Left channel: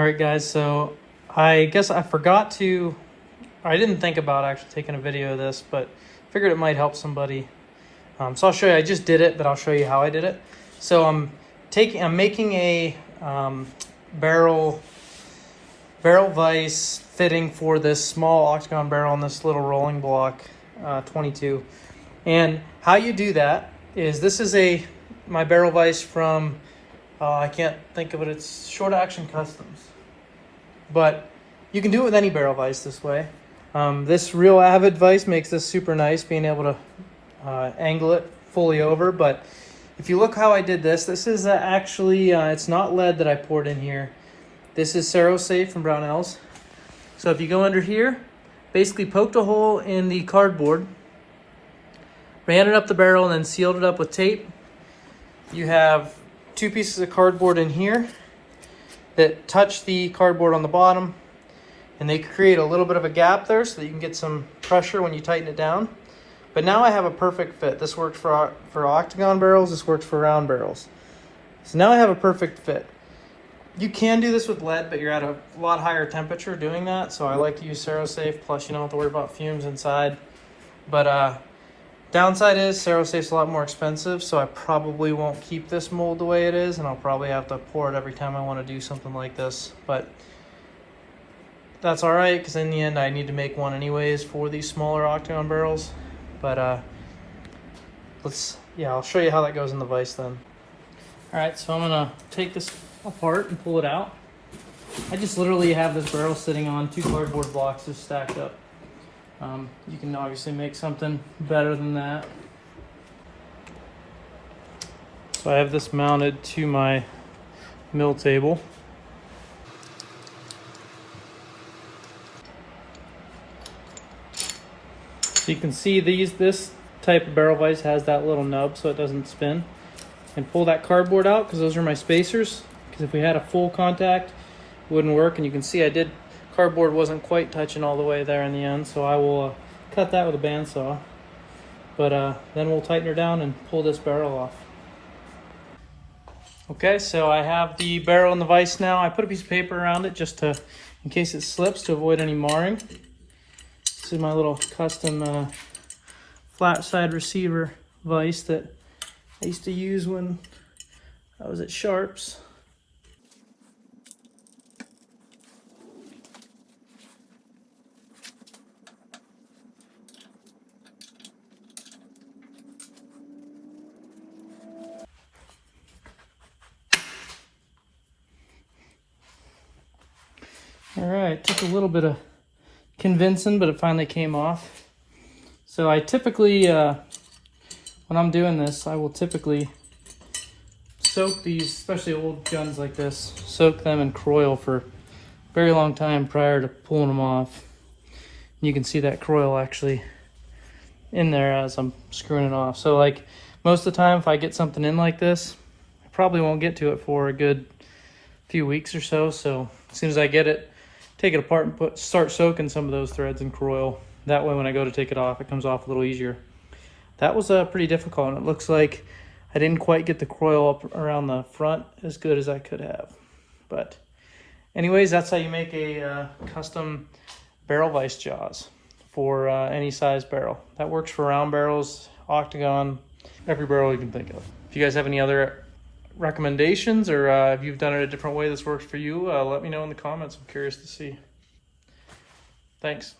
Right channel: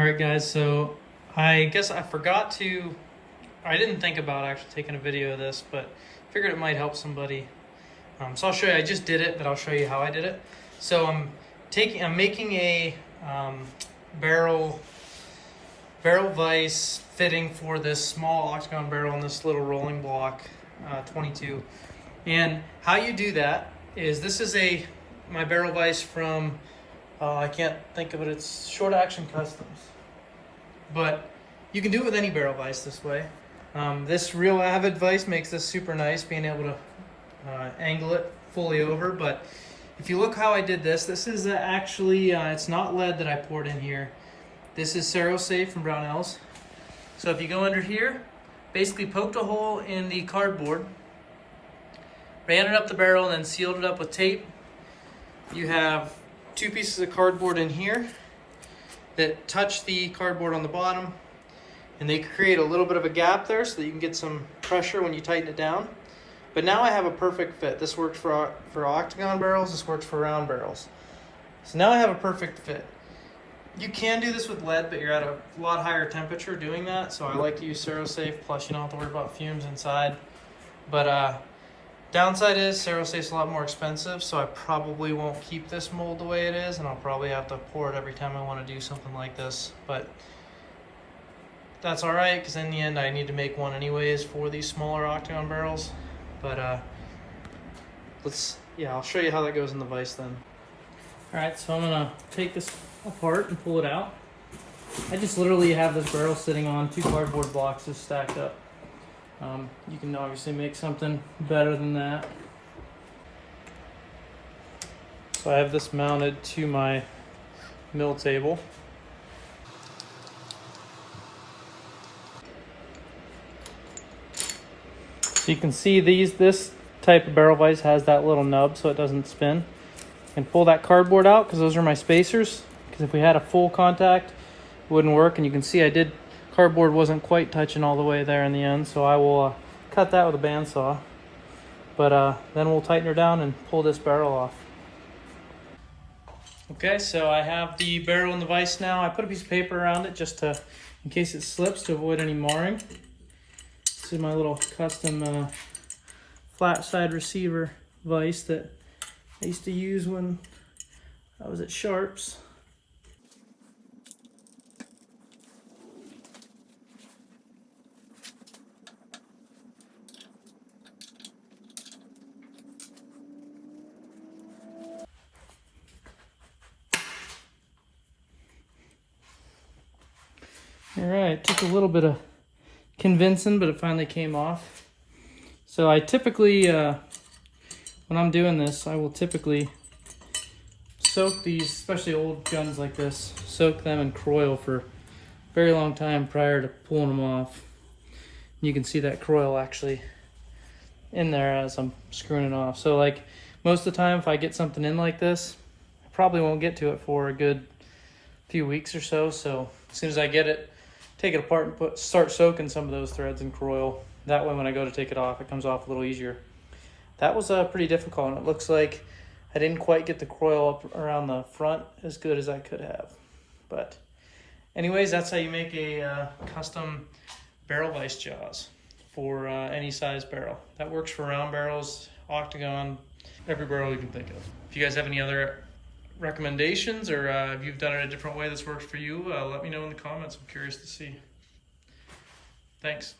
All right, guys, so I guess I didn't think about actually taking a video of this, but figured it might help somebody. So I'll show you. I just did it, but I'll show you how I did it. So I'm making a barrel vise fitting for this small octagon barrel on this little rolling block 22. And how you do that is, this is my barrel vise from I can't think of it. It's Short Action Customs, but you can do it with any barrel vise this way. This Real Avid vise makes this super nice, being able to angle it fully over. But if you look how I did this, this is actually it's not lead that I poured in here. This is Safe from Brownells. So if you go under here, basically poked a hole in the cardboard, ran it up the barrel, and then sealed it up with tape. You have two pieces of cardboard in here that touch the cardboard on the bottom, and they create a little bit of a gap there so that you can get some pressure when you tighten it down. But now I have a perfect fit. This works for octagon barrels, this works for round barrels. So now I have a perfect fit. You can do this with lead, but you're at a lot higher temperature doing that, so I like to use Safe, plus you don't have to worry about fumes inside. But downside is Safe's a lot more expensive, so I probably won't keep this mold the way it is, and I'll probably have to pour it every time I want to do something like this. But that's all right, because in the end I need to make one anyways for these smaller octagon barrels. But I'll show you how that goes in the vise then. All right, so I'm gonna take this apart and pull it out. I just literally have this barrel sitting on two cardboard blocks just stacked up. You can obviously make something better than that. So I have this mounted to my mill table. So you can see this type of barrel vise has that little nub so it doesn't spin. And pull that cardboard out, because those are my spacers. Because if we had a full contact, it wouldn't work. And you can see cardboard wasn't quite touching all the way there in the end, so I will cut that with a bandsaw. But then we'll tighten her down and pull this barrel off. Okay, so I have the barrel in the vise now. I put a piece of paper around it just in case it slips, to avoid any marring. This is my little custom flat side receiver vise that I used to use when I was at Sharps. All right, took a little bit of convincing, but it finally came off. So I typically, when I'm doing this, I will typically soak these, especially old guns like this, soak them in Croil for a very long time prior to pulling them off. And you can see that Croil actually in there as I'm screwing it off. So like most of the time, if I get something in like this, I probably won't get to it for a good few weeks or so. So as soon as I get it, take it apart and start soaking some of those threads in Croil. That way when I go to take it off, it comes off a little easier. That was pretty difficult, and it looks like I didn't quite get the Croil up around the front as good as I could have. But anyways, that's how you make a custom barrel vise jaws for any size barrel. That works for round barrels, octagon, every barrel you can think of. If you guys have any other recommendations, or if you've done it a different way that's worked for you, let me know in the comments. I'm curious to see. Thanks.